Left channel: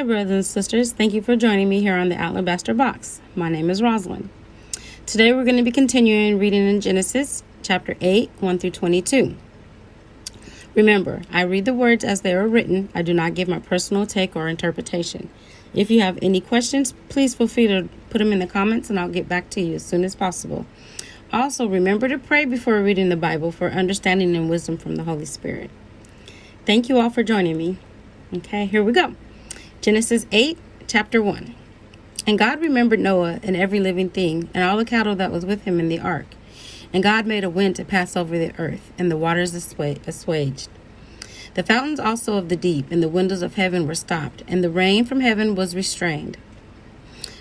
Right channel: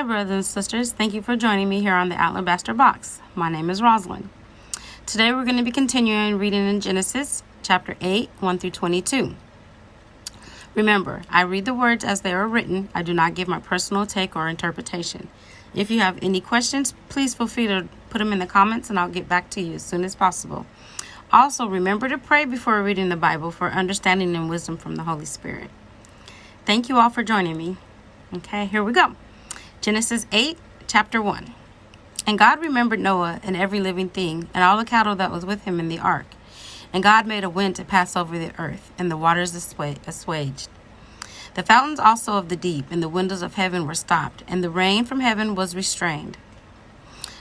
Hi, brothers and sisters. Thank you for joining me here on the Alabaster Box. My name is Rosalind. Today we're going to be continuing reading in Genesis chapter 8, 1 through 22. Remember, I read the words as they are written. I do not give my personal take or interpretation. If you have any questions, please feel free to put them in the comments and I'll get back to you as soon as possible. Also, remember to pray before reading the Bible for understanding and wisdom from the Holy Spirit. Thank you all for joining me. Okay, here we go. Genesis 8, chapter 1. And God remembered Noah and every living thing, and all the cattle that was with him in the ark. And God made a wind to pass over the earth, and the waters assuaged. The fountains also of the deep and the windows of heaven were stopped, and the rain from heaven was restrained.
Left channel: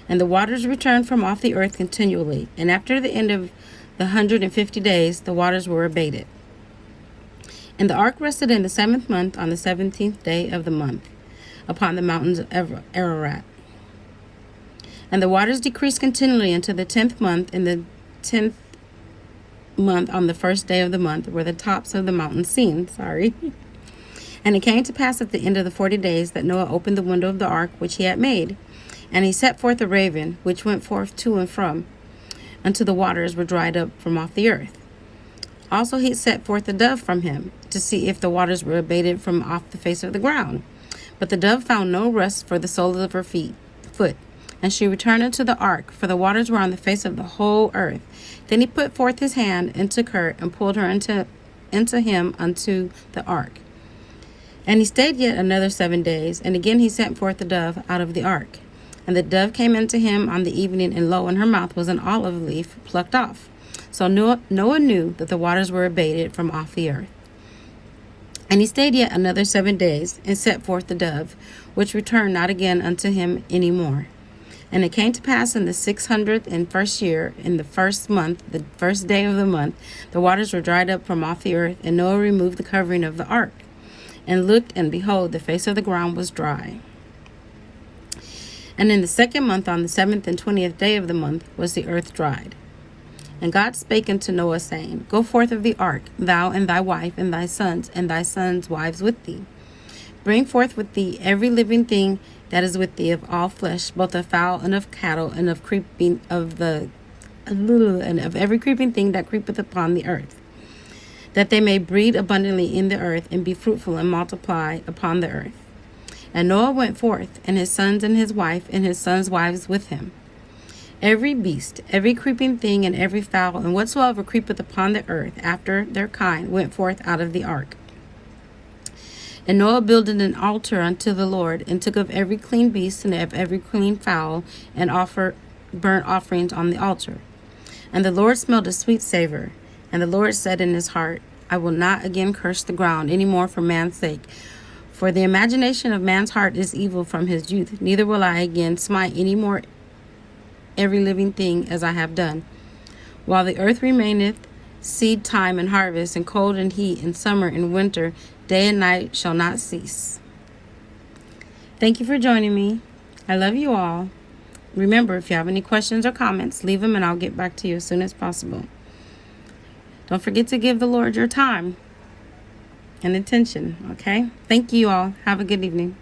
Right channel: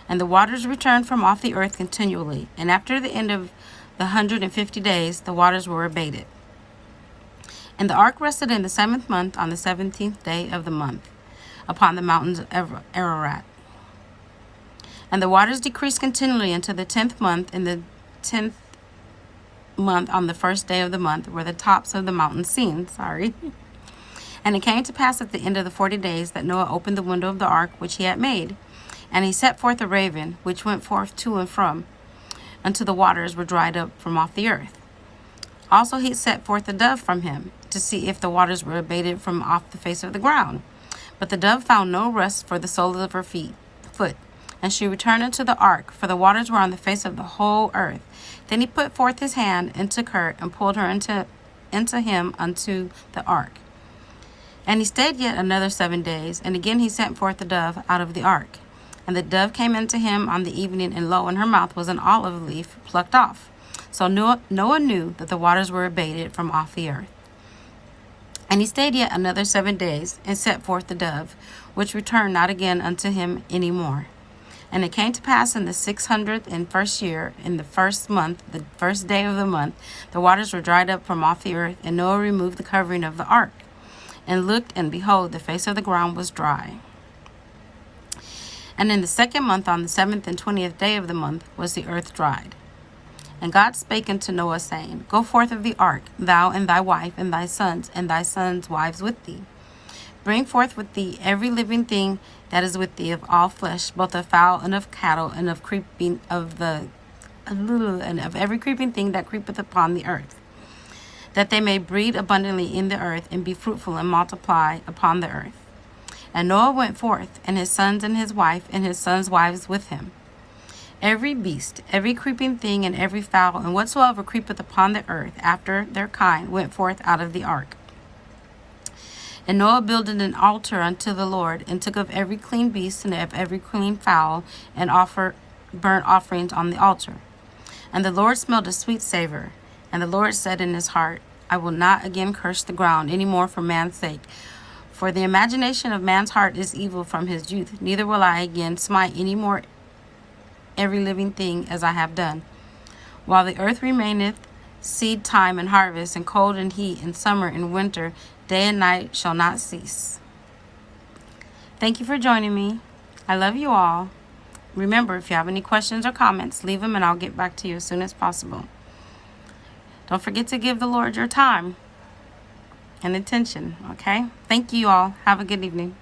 And the waters returned from off the earth continually, and after the end of the 150 days, the waters were abated. And the ark rested in the 7th month on the 17th day of the month, upon the mountains of Ararat. And the waters decreased continually until the 10th month. In the 10th month, on the 1st day of the month, were the tops of the mountains seen. And it came to pass at the end of the 40 days that Noah opened the window of the ark which he had made. And he set forth a raven, which went forth to and from, until the waters were dried up from off the earth. Also he set forth a dove from him, to see if the waters were abated from off the face of the ground. But the dove found no rest for the soles of her foot, and she returned into the ark, for the waters were on the face of the whole earth. Then he put forth his hand and took her, and pulled her into him unto the ark. And he stayed yet another 7 days, and again he sent forth the dove out of the ark. And the dove came into him on the evening, and lo, in her mouth was an olive leaf plucked off. So Noah knew that the waters were abated from off the earth. And he stayed yet another 7 days, and set forth the dove, which returned not again unto him any more. And it came to pass in the 601st year, in the 1st month, the 1st day of the month, the waters were dried up from off the earth, and Noah removed the covering of the ark, and looked, and behold, the face of the ground was dry. And in the 2nd month, on the 7th and 20th day of the month, was the earth dried. And God spake unto Noah, saying, Go forth of the ark, thou and thy wife, and thy sons' wives with thee. Bring forth with thee every living thing that is with thee of all flesh, both of fowl and of cattle, and of every creeping thing that creepeth upon the earth, that they may breed abundantly in the earth, and be fruitful and multiply upon the earth. And Noah went forth, and his sons and his wife, and his sons' wives with him. Every beast, every creeping thing, and every fowl, and whatsoever creepeth upon the earth after their kind, went forth out of the ark. And Noah builded an altar unto the Lord, and took of every clean beast and of every clean fowl, and offered burnt offerings on the altar. And the Lord smelled a sweet savor. And the Lord said in his heart, I will not again curse the ground any more for man's sake. For the imagination of man's heart is evil from his youth. Neither will I again smite any more every living thing as I have done. While the earth remaineth, seed time and harvest, and cold and heat, and summer and winter, day and night shall not cease. Thank you for joining me. I love you all. Remember, if you have any questions or comments, leave them and I'll get back to you as soon as possible. Don't forget to give the Lord your time and attention, okay? Thank you all. Have a good evening.